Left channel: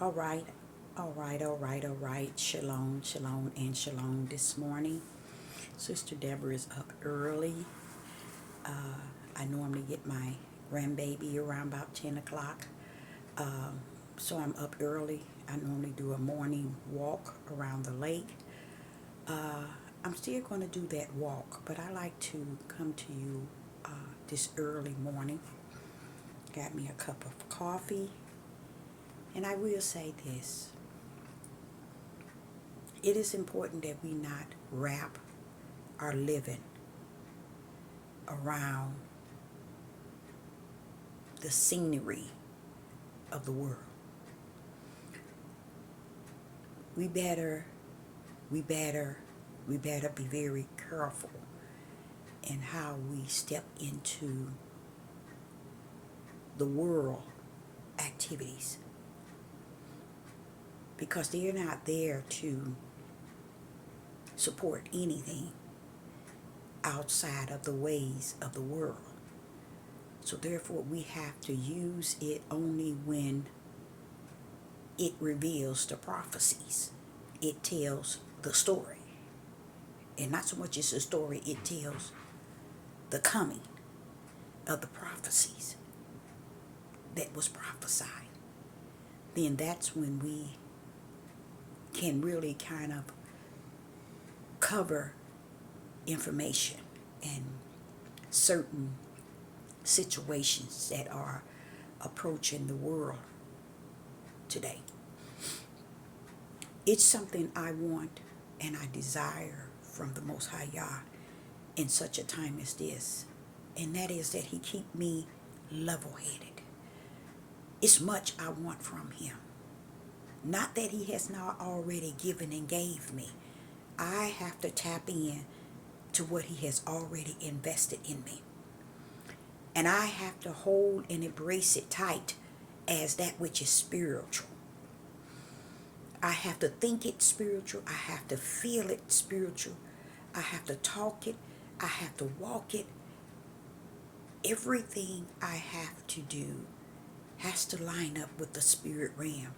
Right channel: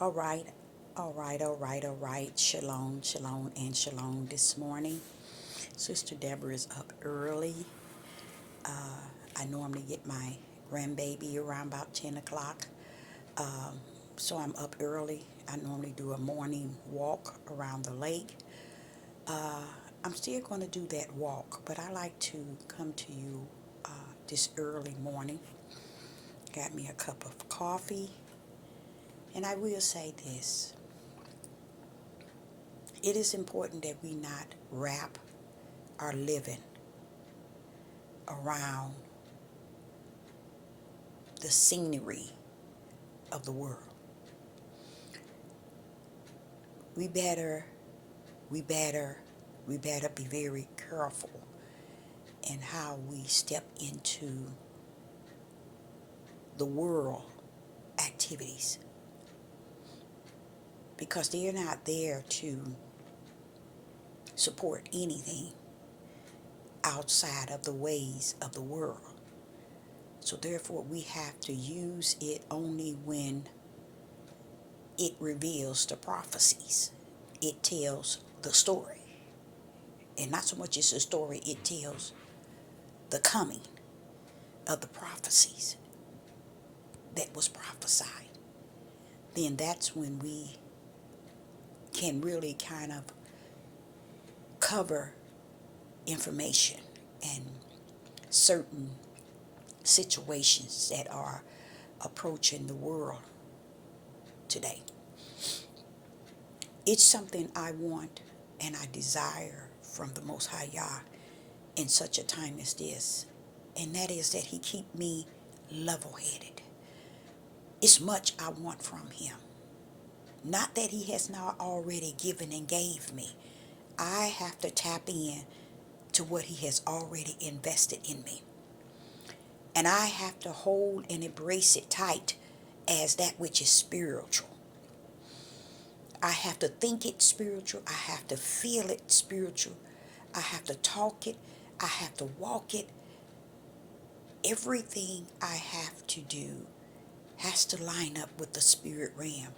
All right, all right. Shalom, shalom, and shalom this morning. Sister Deborah is up early. I normally get my grandbaby around about 10 o'clock. Um, so I'm up early. I normally do a morning walk around the lake. Uh, I'm still going to do that walk, but I like to come to you this early morning. Got me a cup of coffee. And I will say this, it is important that we not wrap our living around the scenery of the world. We better, we better, we better be very careful in how we step into the world activities because they're not there to support anything outside of the ways of the world. So therefore we have to use it only when it reveals the prophecies. It tells the story. And not so much as a story, it tells the coming of the prophecies that was prophesied. Then that's when we can really kind of cover information and certain situations that are approaching the world today. It's something I want and I desire from the Most High Yah in such a time as this, and that is that He keep me level-headed. It's much I want from Him. Not that He has not already given and gave me. I have to tap in to what He has already invested in me. And I have to hold and embrace it tight as that which is spiritual. I have to think it spiritual. I have to feel it spiritual. I have to talk it. I have to walk it. Everything I have to do has to line up with the spirit realm.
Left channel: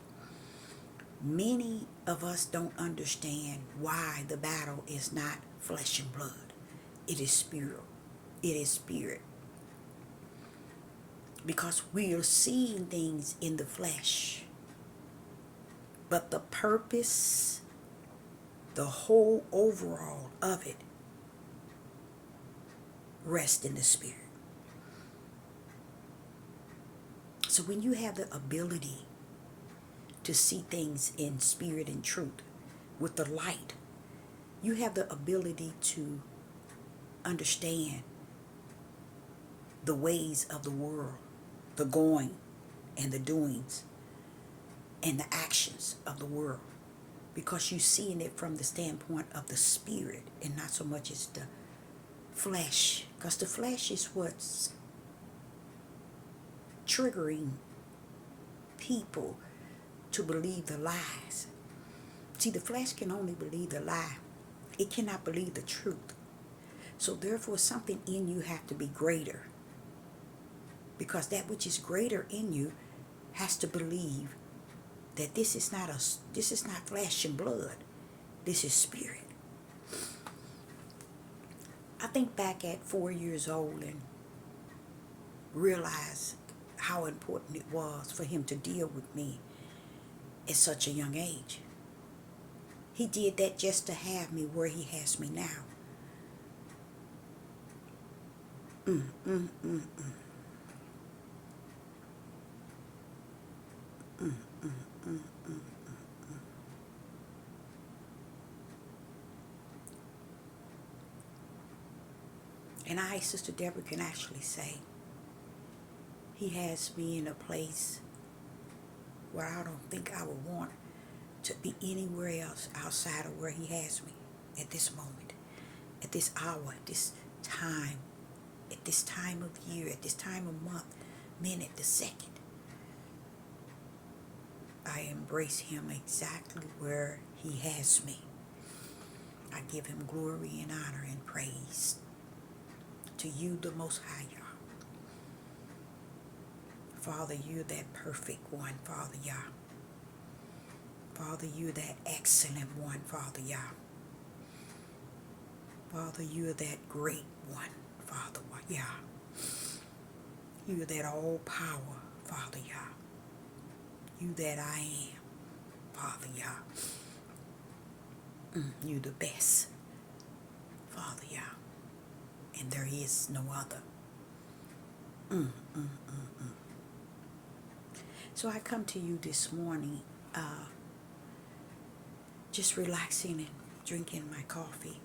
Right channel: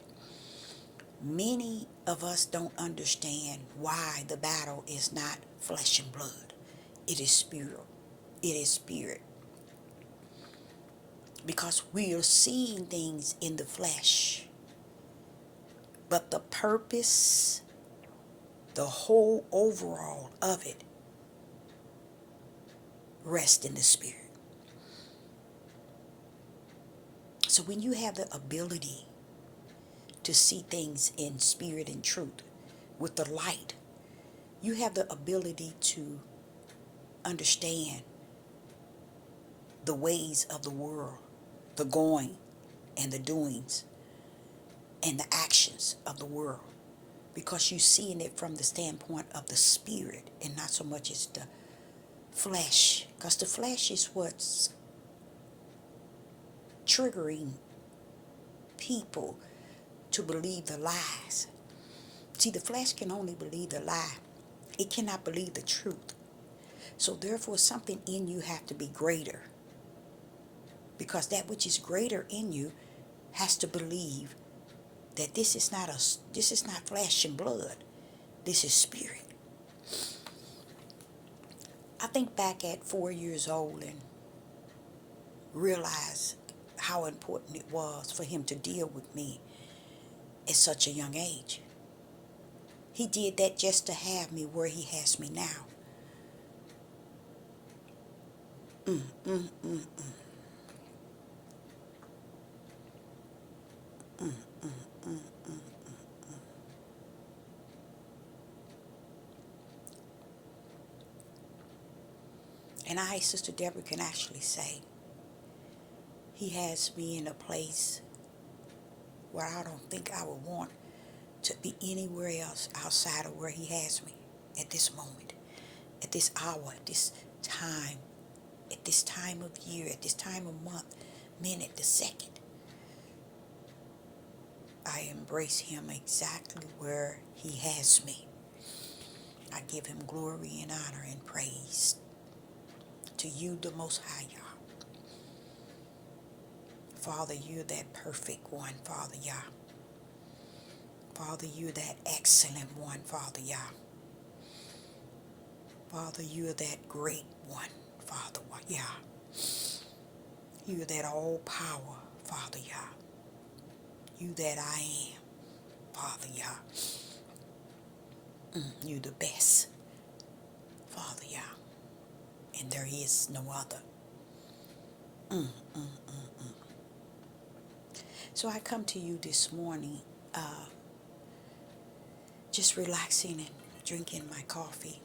Many of us don't understand why the battle is not flesh and blood. It is spirit. It is spirit. Because we are seeing things in the flesh. But the purpose, the whole overall of it, rests in the spirit. So when you have the ability to see things in spirit and truth with the light, you have the ability to understand the ways of the world, the going and the doings and the actions of the world, because you're seeing it from the standpoint of the spirit and not so much as the flesh, because the flesh is what's triggering people to believe the lies. See, the flesh can only believe the lie. It cannot believe the truth. So therefore something in you have to be greater, because that which is greater in you has to believe that this is not flesh and blood. This is spirit. I think back at 4 years old and realized how important it was for Him to deal with me at such a young age. He did that just to have me where He has me now. Mm, mm, mm, mm. Mm, mm, mm, mm. And I, Sister Deborah, can actually say He has me in a place where I don't think I would want to be anywhere else outside of where He has me at this moment, at this hour, at this time of year, at this time of month, minute, the second. I embrace Him exactly where He has me. I give Him glory and honor and praise. To you, the Most High Yah. Father, you're that perfect one, Father Yah. Father, you're that excellent one, Father Yah. Father, you're that great one, Father Yah. You're that all power, Father Yah. You that I am, Father Yah. You the best, Father Yah. And there is no other. So I come to you this morning, just relaxing and drinking my coffee,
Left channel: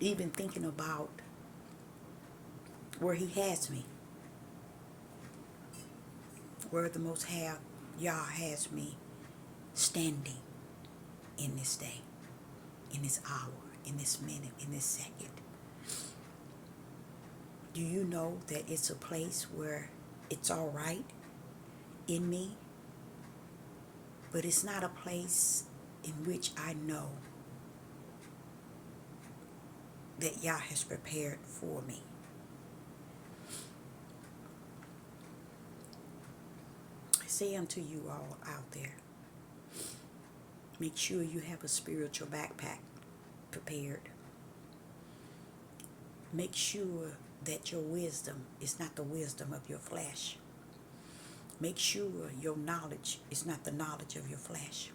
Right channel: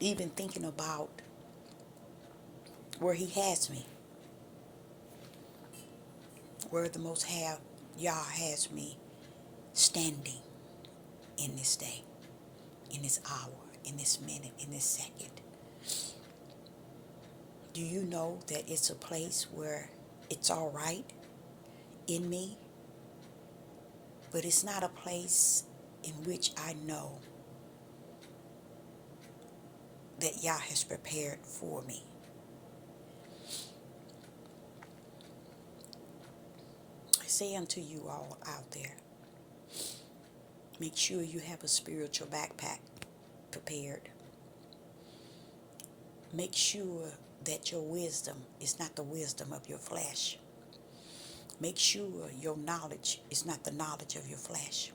even thinking about where he has me, where the Most High Yah has me standing in this day, in this hour, in this minute, in this second. Do you know that it's a place where it's all right in me, but it's not a place in which I know that Yah has prepared for me? I say unto you all out there, make sure you have a spiritual backpack prepared. Make sure that your wisdom is not the wisdom of your flesh. Make sure your knowledge is not the knowledge of your flesh.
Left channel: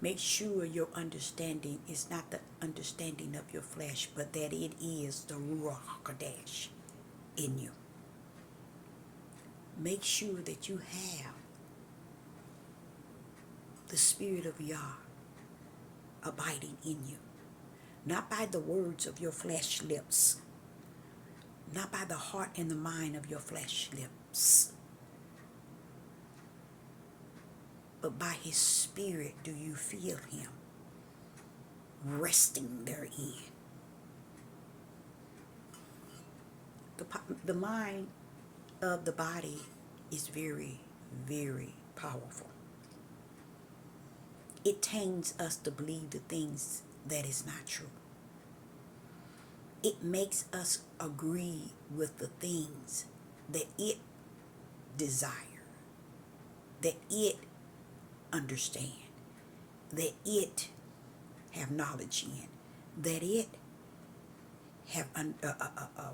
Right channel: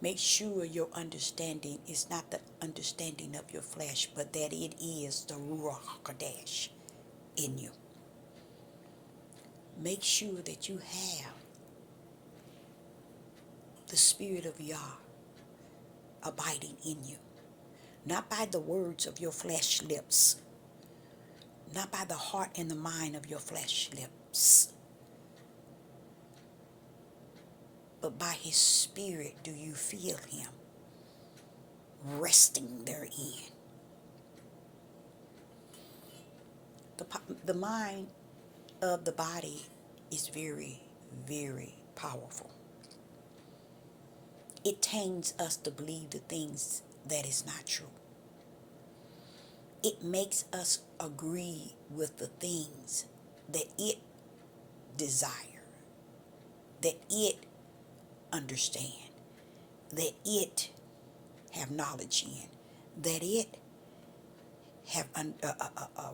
Make sure your understanding is not the understanding of your flesh, but that it is the Ruach HaKodesh in you. Make sure that you have the Spirit of Yah abiding in you. Not by the words of your flesh lips, not by the heart and the mind of your flesh lips, but by His Spirit do you feel Him resting therein. The mind of the body is very, very powerful. It taints us to believe the things that is not true. It makes us agree with the things that it desire, that it understand, that it have knowledge in, that it have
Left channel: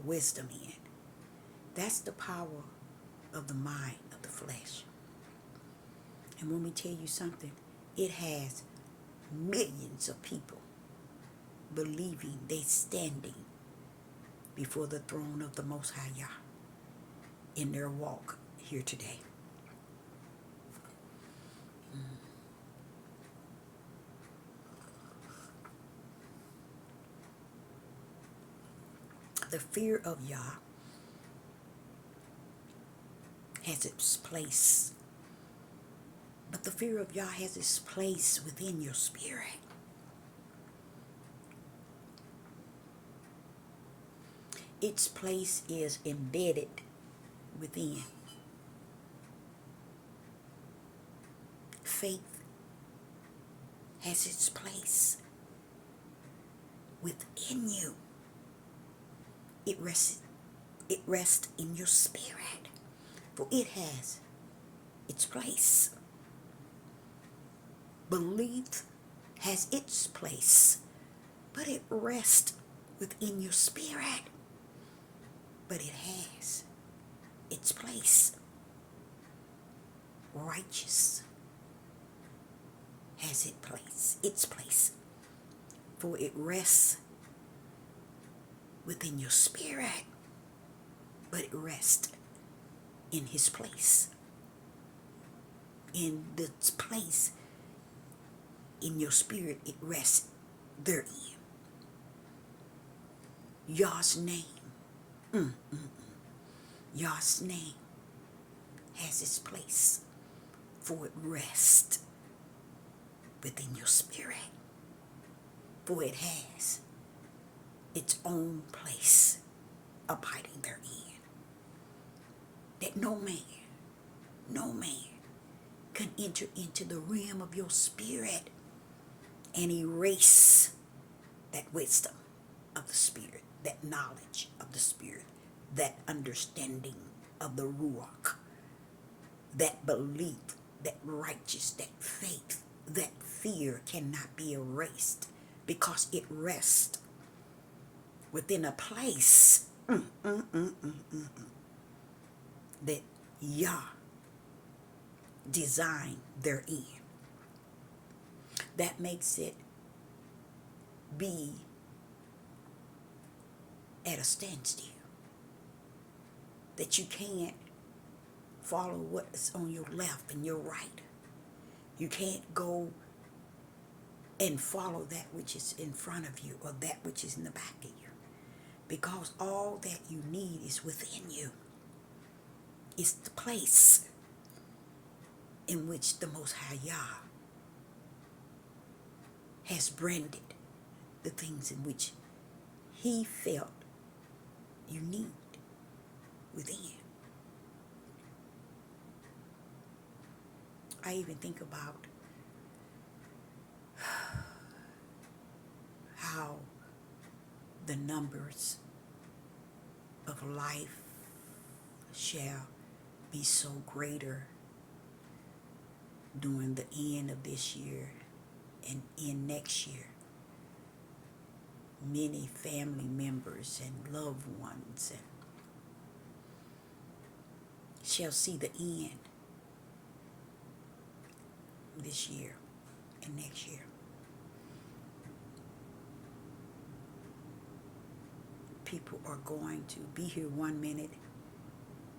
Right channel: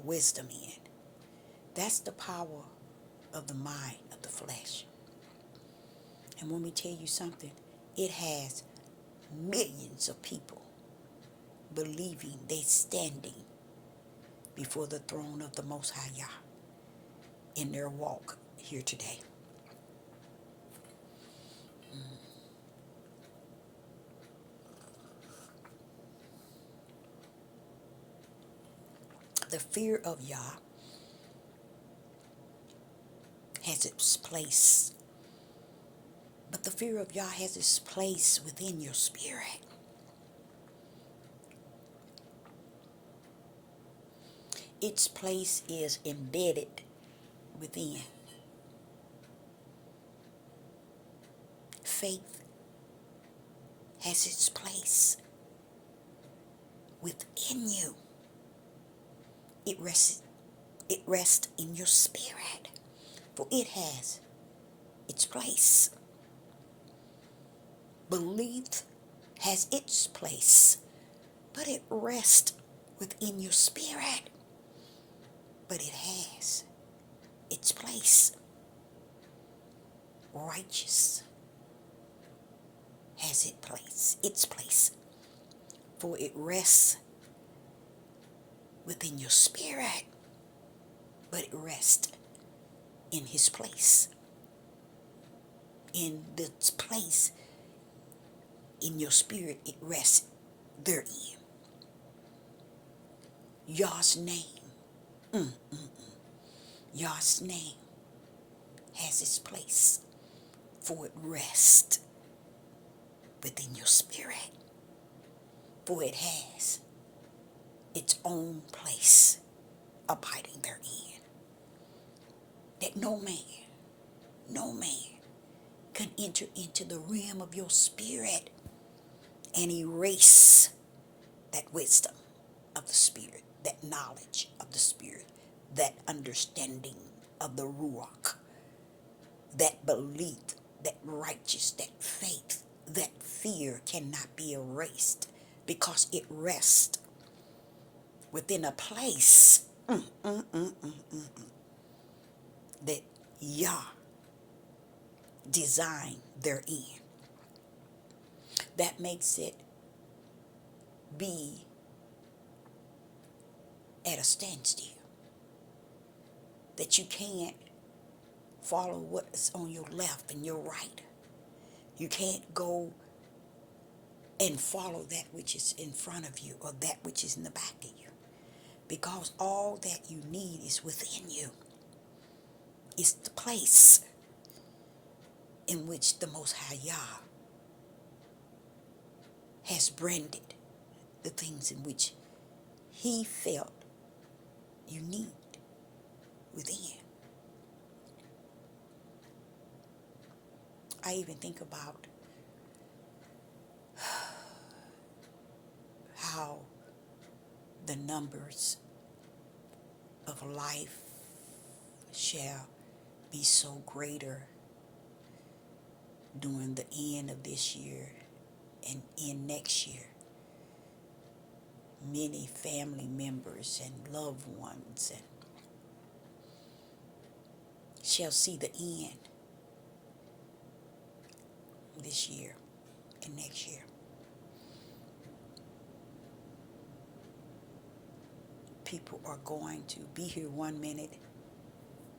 wisdom in. That's the power of the mind of the flesh. And let me tell you something, it has millions of people believing they standing before the throne of the Most High Yah in their walk here today. The fear of Yah has its place, but the fear of Yah has its place within your spirit. Its place is embedded within. Faith has its place within you. It rests in your spirit, for it has its place. Belief has its place, but it rests within your spirit. But it has its place. Righteous has its place, for it rests within your spirit, but it rests in His place. In the place in your spirit, it rests therein. Yah's name, Yah's name has its place, for it rests within your spirit, for it has its own place abiding therein, that no man can enter into the realm of your spirit and erase that wisdom of the Spirit, that knowledge of the Spirit, that understanding of the Ruach, that belief that righteous, that faith, that fear cannot be erased because it rests within a place that Yah designed therein. That makes it be at a standstill. That you can't follow what's on your left and your right. You can't go and follow that which is in front of you or that which is in the back of you. Because all that you need is within you. It's the place in which the Most High Yah has branded the things in which He felt you need within. I even think about how the numbers of life shall be so greater during the end of this year and in next year. Many family members and loved ones and shall see the end this year and next year. People are going to be here one minute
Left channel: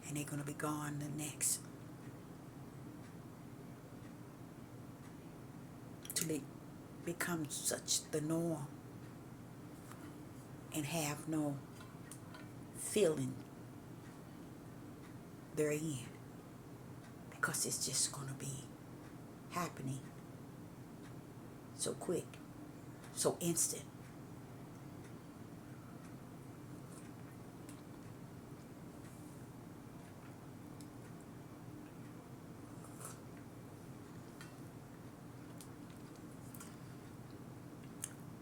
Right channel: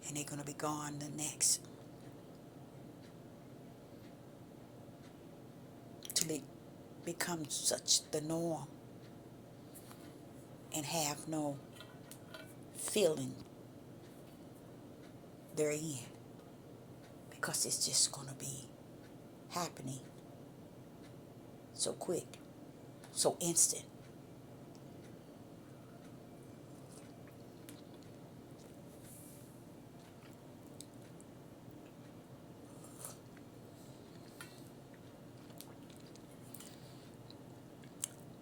and they're going to be gone the next. Till it becomes such the norm and have no feeling therein. Because it's just going to be happening so quick, so instant.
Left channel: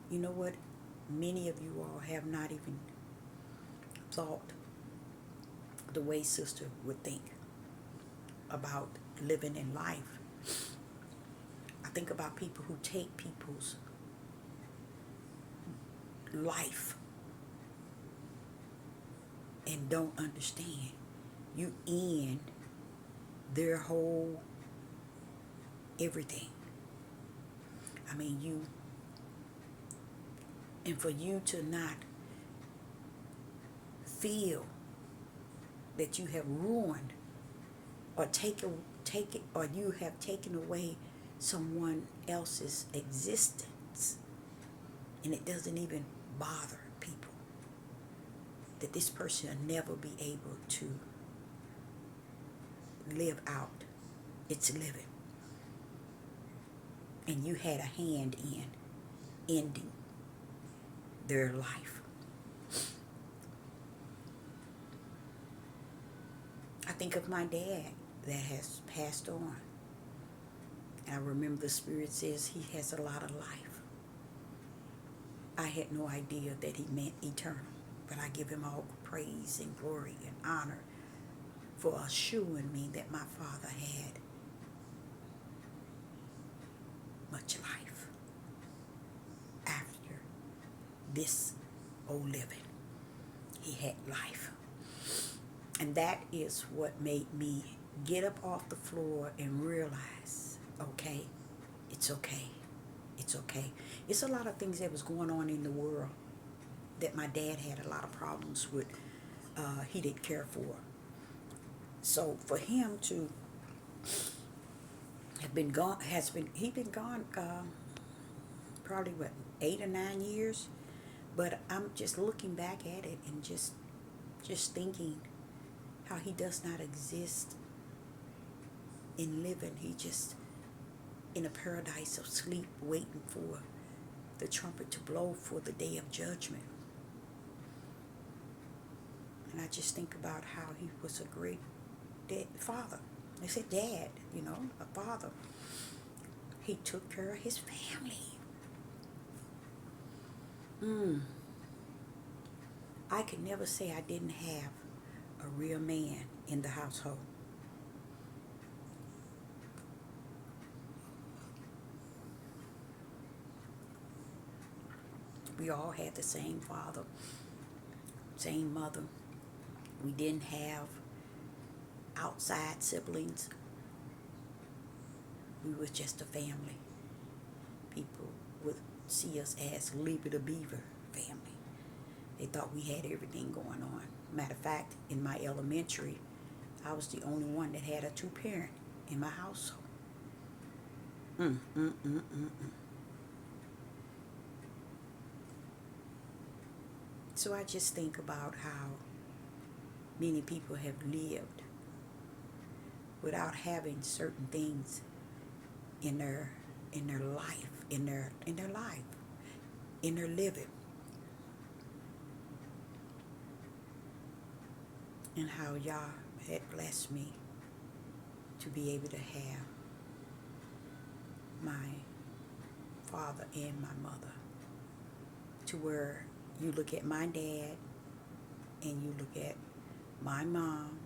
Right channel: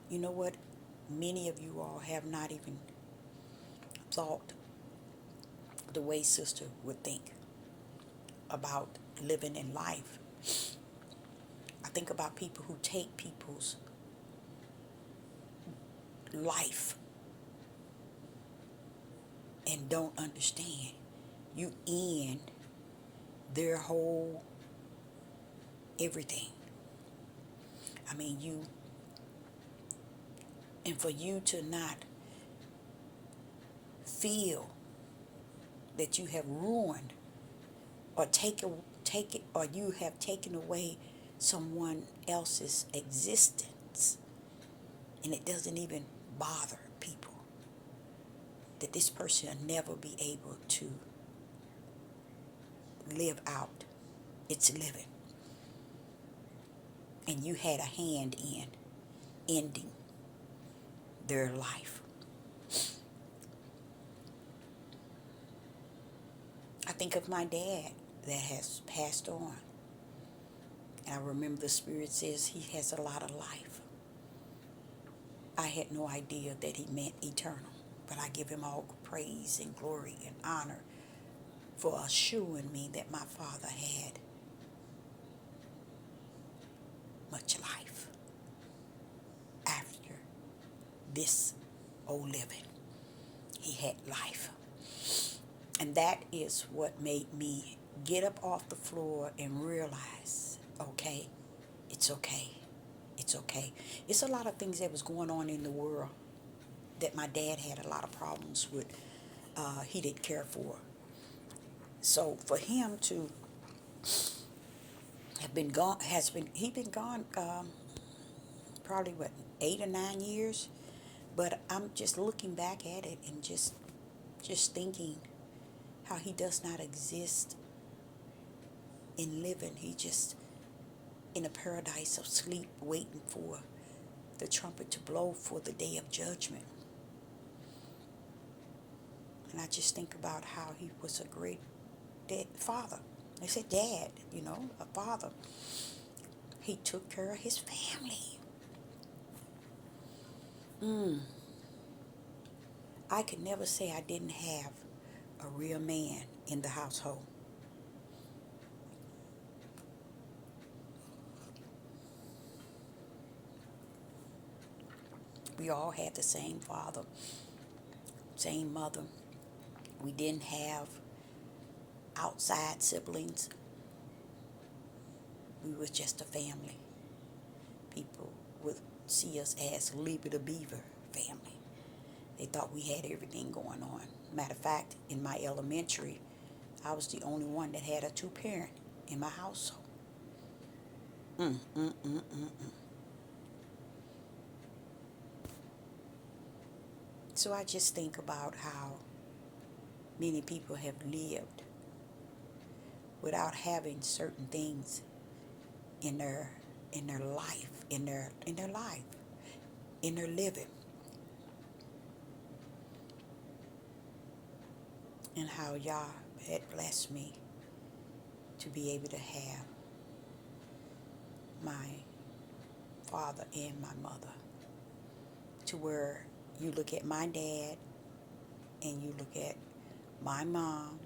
You know what? Many of you all have not even thought the way Sister would think about living in life. I think about people who take people's life and don't understand. You end their whole everything. I mean, and for you to not feel that you have ruined or or you have taken away someone else's existence, and it doesn't even bother people that this person will never be able to live out its living, and you had a hand in ending their life. I think of my dad that has passed on. I remember the Spirit says he has a lot of life. I had no idea that he meant eternal, but I give him all praise and glory and honor for assuring me that my father had much life after this old living. He had life. And that is what made me get up off the floor and realize, okay, it's okay. It's okay. It's a lot of things that was going on in the world that my dad had a lot of problems with. He didn't care for. So for him to have been gone, he's been gone probably 8 or 9 years. But I'm just looking back at it and just thinking how he does not exist in living. He just in a paradise of sleep, waiting for the trumpet to blow for the day of judgment. And I just think about how he was a great father. They said dad, a father. He took care of his family. I could never say I didn't have a real man in the household. We all had the same father, same mother. We didn't have outside siblings. We was just a family. People would see us as Leapy the Beaver family. They thought we had everything going on. Matter of fact, in my elementary, I was the only one that had a two-parent in my household. Mm, mm, mm, mm, mm. So I just think about how many people have lived without having certain things in their life, in their life, in their living, and how Yah had blessed me to be able to have my father and my mother, to where you look at my dad and you look at my mom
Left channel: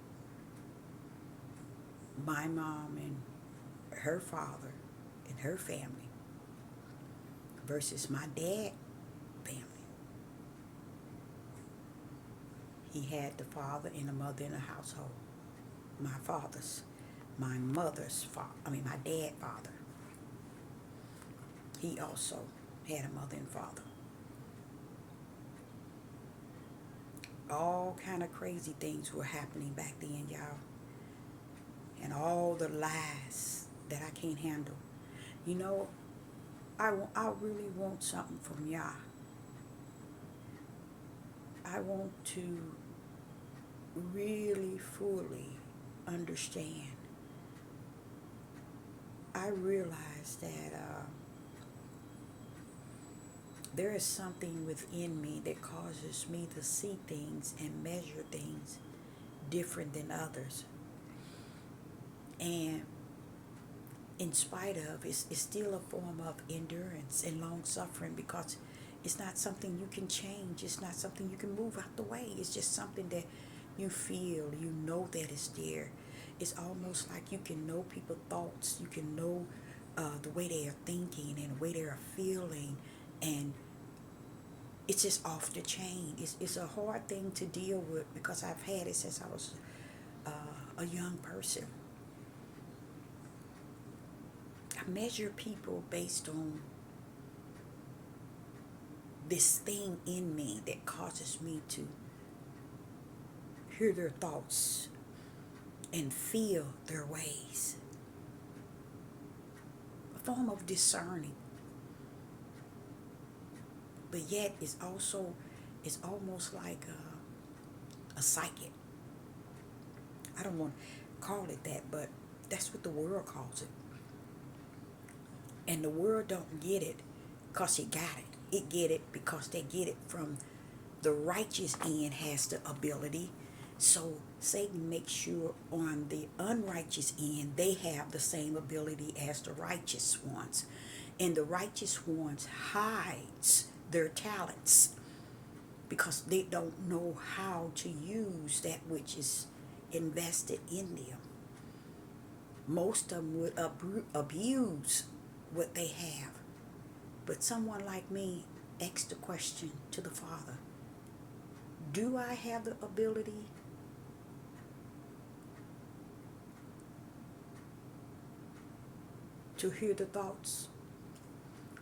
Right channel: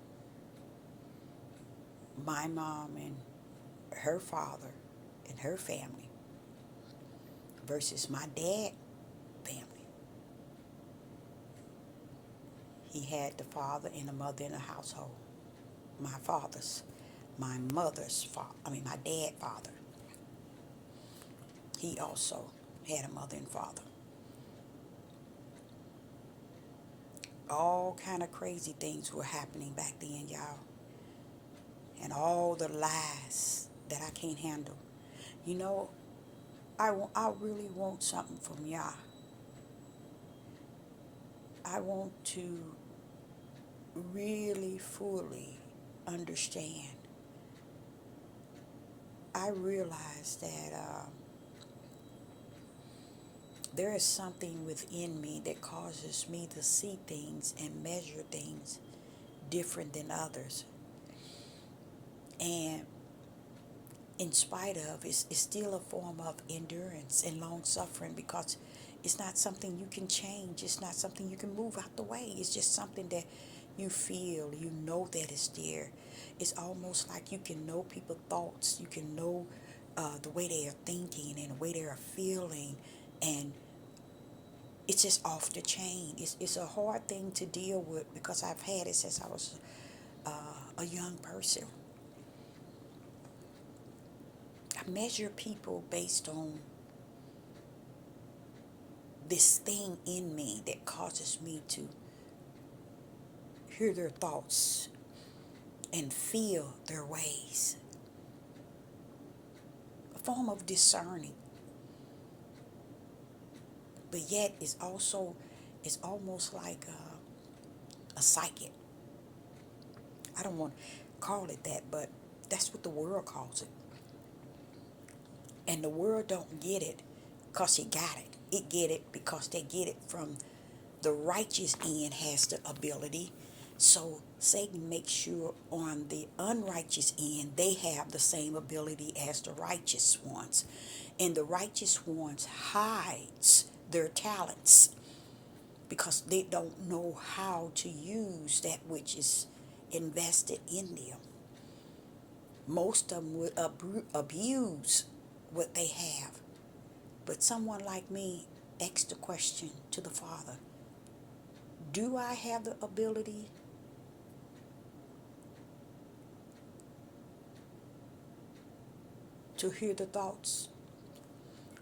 and her father and her family versus my dad family. He had the father and the mother in the household. My dad father. He also had a mother and father. All kind of crazy things were happening back then, y'all. And all the lies that I can't handle. You know, I really want something from Yah. I want to really fully understand. I realize that there is something within me that causes me to see things and measure things different than others. And in spite of, it's still a form of endurance and long suffering, because it's not something you can change. It's not something you can move out the way. It's just something that you feel, you know that it's there. It's almost like you can know people's thoughts. You can know the way they are thinking and the way they are feeling. And it's just off the chain. It's a hard thing to deal with, because I've had it since I was a young person. I measure people based on this thing in me that causes me to hear their thoughts and feel their ways. A form of discerning. But yet it's almost like a psychic. I don't want to call it that, but that's what the world calls it. And the world don't get it because it got it. It get it because they get it from the righteous end has the ability. So Satan makes sure on the unrighteous end they have the same ability as the righteous ones. And the righteous ones hides their talents because they don't know how to use that which is invested in them. Most of them would abuse what they have. But someone like me asked the question to the Father, do I have the ability to hear the thoughts,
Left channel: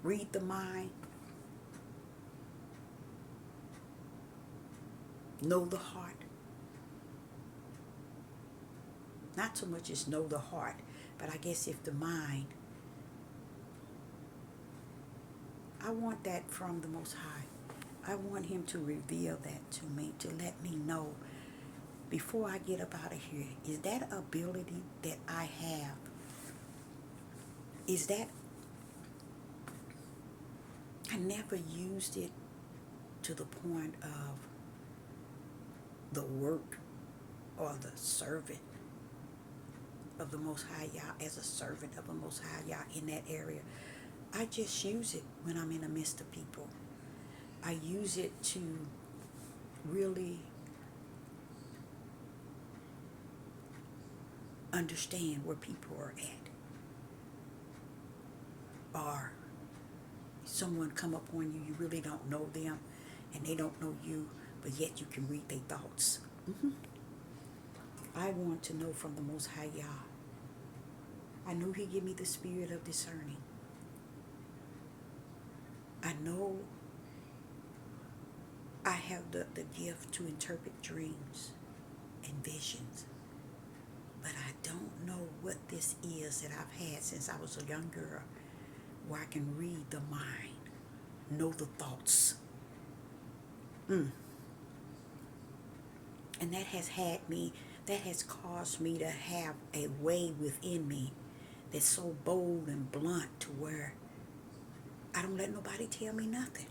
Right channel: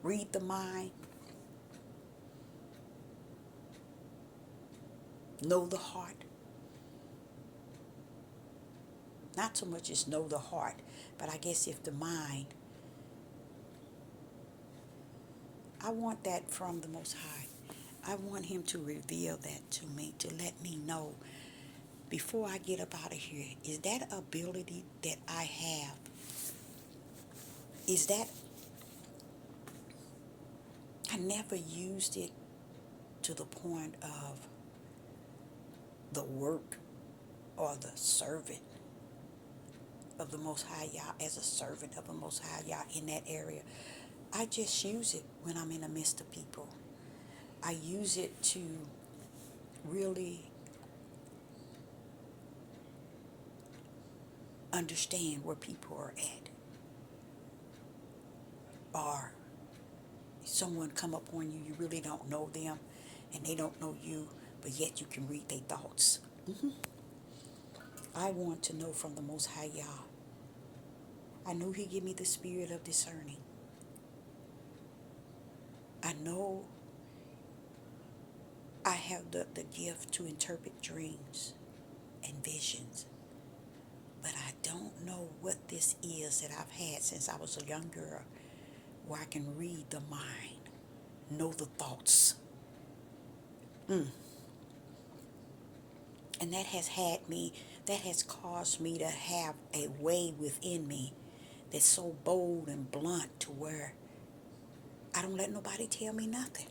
read the mind, know the heart? Not so much as know the heart, but I guess if the mind, I want that from the Most High. I want Him to reveal that to me, to let me know before I get up out of here. Is that ability that I have, is that, I never used it to the point of the work or the servant of the Most High Yah, as a servant of the Most High Yah in that area. I just use it when I'm in the midst of people. I use it to really understand where people are at, or someone come up on you, you really don't know them, and they don't know you, but yet you can read their thoughts. I want to know from the Most High Yah. I know He give me the spirit of discerning. I know I have the gift to interpret dreams and visions, but I don't know what this is that I've had since I was a young girl, where I can read the mind, know the thoughts. And that has caused me to have a way within me that's so bold and blunt to where I don't let nobody tell me nothing.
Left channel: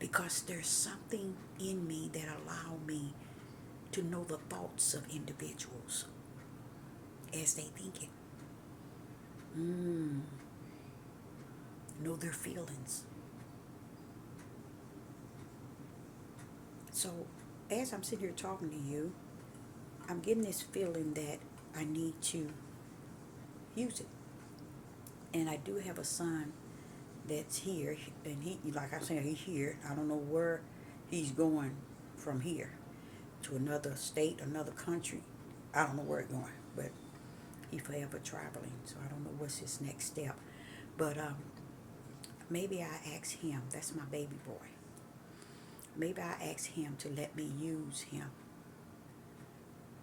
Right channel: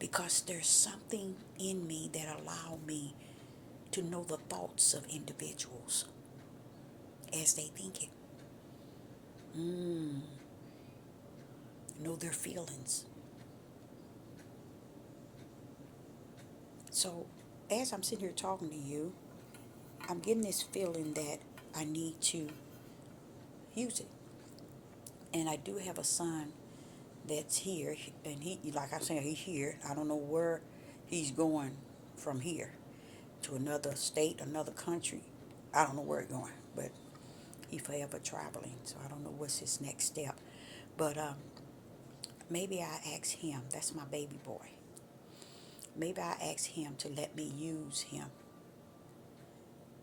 Because there's something in me that allow me to know the thoughts of individuals as they think it. Know their feelings. So as I'm sitting here talking to you, I'm getting this feeling that I need to use it. And I do have a son that's here, and he, like I said, he's here. I don't know where he's going from here to another state, another country. I don't know where he's going, but he's forever traveling, so I don't know what's his next step. But maybe I ask him. That's my baby boy. Maybe I ask him to let me use him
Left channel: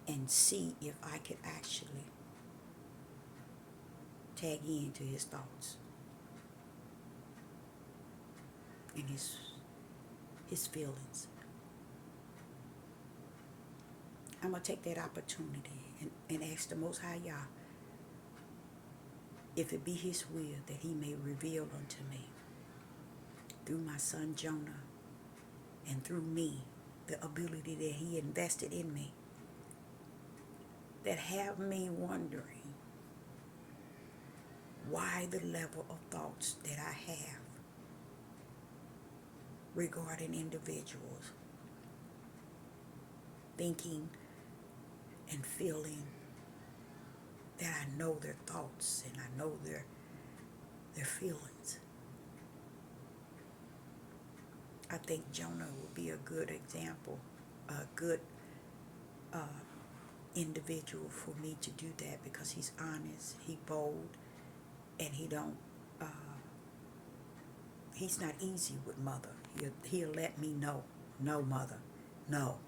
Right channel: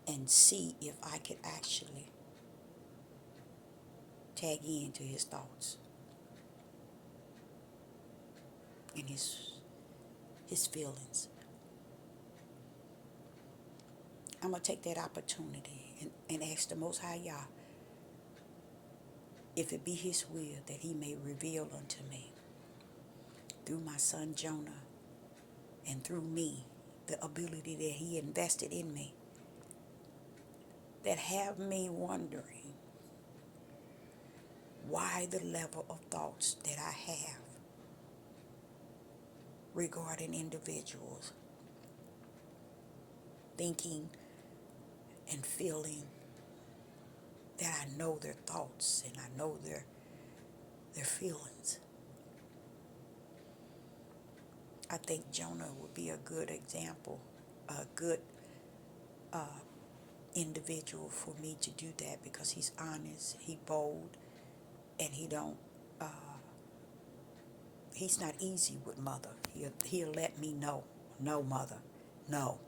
and see if I could actually tag into his thoughts and his feelings. I'm going to take that opportunity and ask the Most High Yah if it be His will that He may reveal unto me through my son Jonah and through me the ability that He invested in me that have me wondering why the level of thoughts that I have regarding individuals, thinking and feeling that I know their thoughts and I know their feelings. I think Jonah would be a good example, a good individual for me to do that, because he's honest, he bold, and he's not easy with mother. He'll let me know, no mother, no.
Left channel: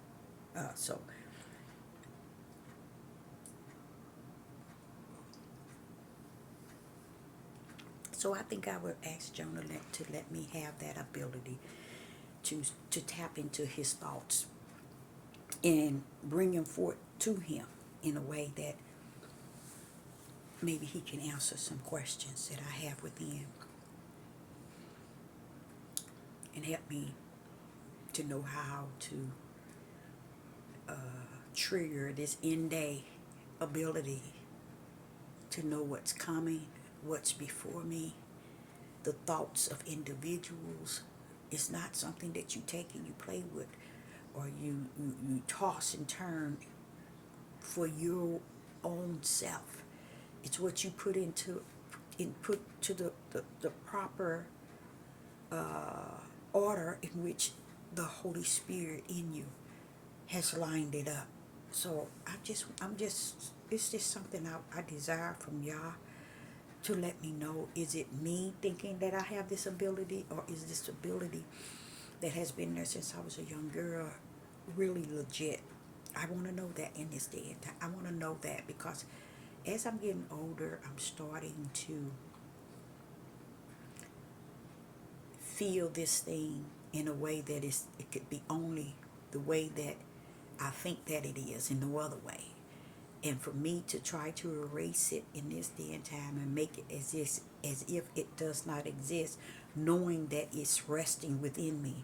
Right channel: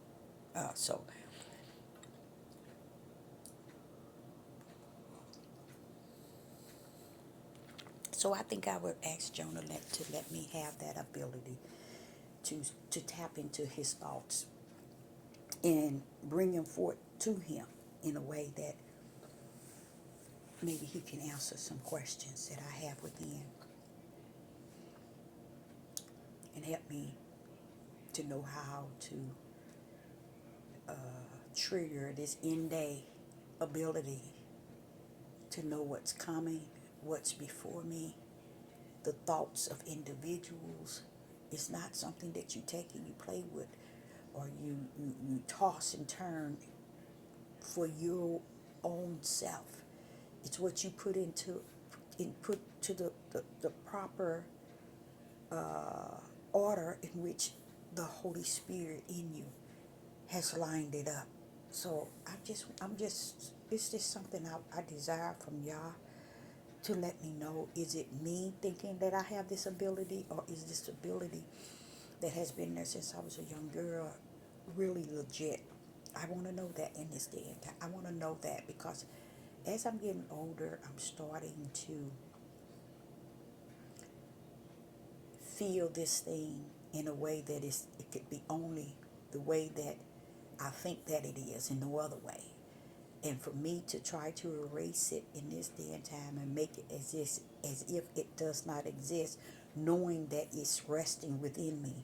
So I think I would ask Jonah to let me have that ability to tap into his thoughts and bring him forth to him in a way that maybe he can answer some questions that I have within and help me to know how to trigger this in-day ability to know what's coming, what's before me, the thoughts of individuals. It's not something that you take and you play with or you toss and turn for your own self. It's what you put to the proper order in which the Holy Spirit in you has lined it up. So it's just something I desire from Yah to let me know, is it me thinking that I have this ability, or is this ability that has been there since I was a young girl really legit? I want to know that in this day and time. I want to know that because as I'm getting older, I'm starting to feel this thing in a way that it could be only the way that I think that it is, in no other way. And for me to try to erase it in this day and time and make it as if it does not exist, knowing that it's resting within me.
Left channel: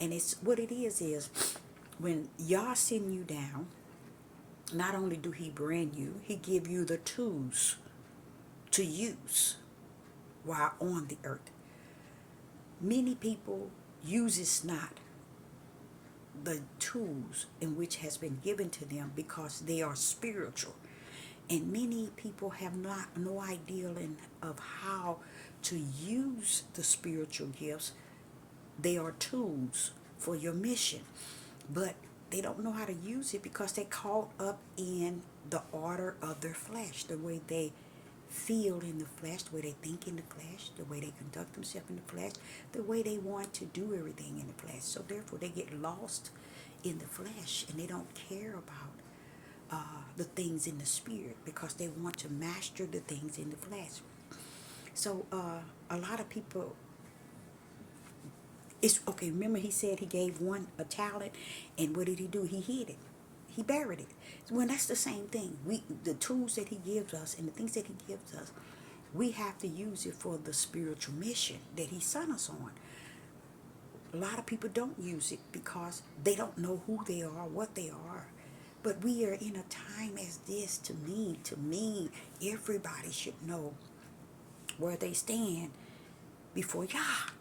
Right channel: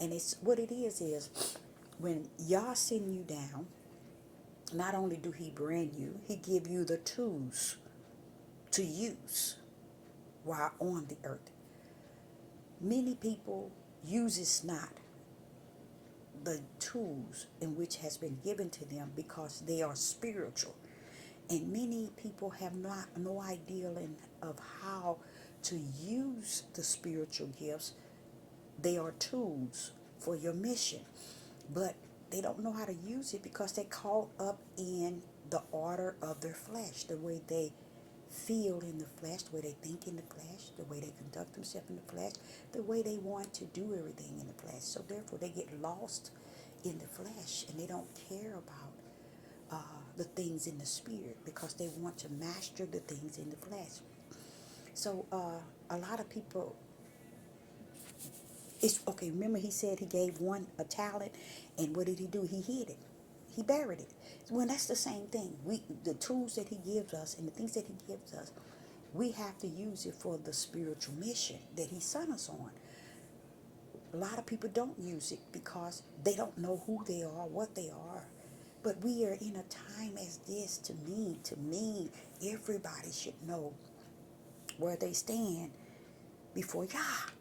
And it's what it is when Yah send you down, not only do He bring you, He give you the tools to use while on the earth. Many people uses not the tools in which has been given to them because they are spiritual, and many people have no idea of how to use the spiritual gifts. They are tools for your mission, but they don't know how to use it because they caught up in the order of their flesh, the way they feel in the flesh, the way they think in the flesh, the way they conduct themselves in the flesh, the way they want to do everything in the flesh. So therefore they get lost in the flesh and they don't care about the things in the spirit because they want to master the things in the flesh. So a lot of people, it's okay. Remember, he said he gave one a talent, and what did he do? He hid it. He buried it. Well, that's the same thing. The tools that he gives us and the things that he gives us, we have to use it for the spiritual mission that he sent us on. A lot of people don't use it because they don't know who they are, what they are. But we are in a time as this. To me, everybody should know where they stand before Yah.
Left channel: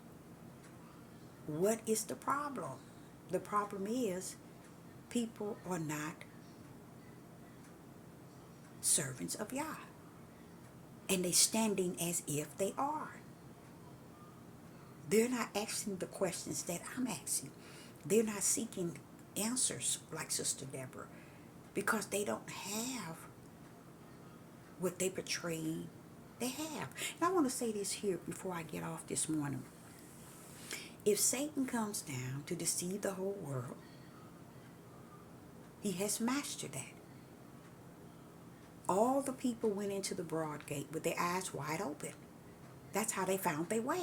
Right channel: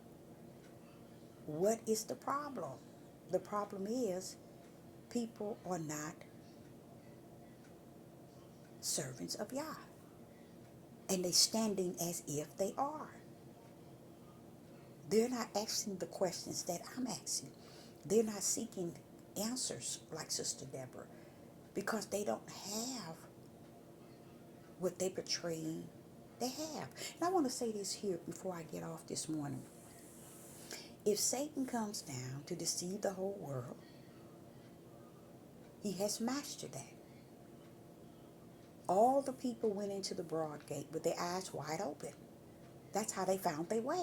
What is the problem? The problem is people are not servants of Yah. And they're standing as if they are. They're not asking the questions that I'm asking. They're not seeking answers like Sister Deborah because they don't have what they portray they have. And I want to say this here before I get off this morning. If Satan comes down to deceive the whole world, he has mastered that. All the people went into the broad gate with their eyes wide open. That's how they found their way.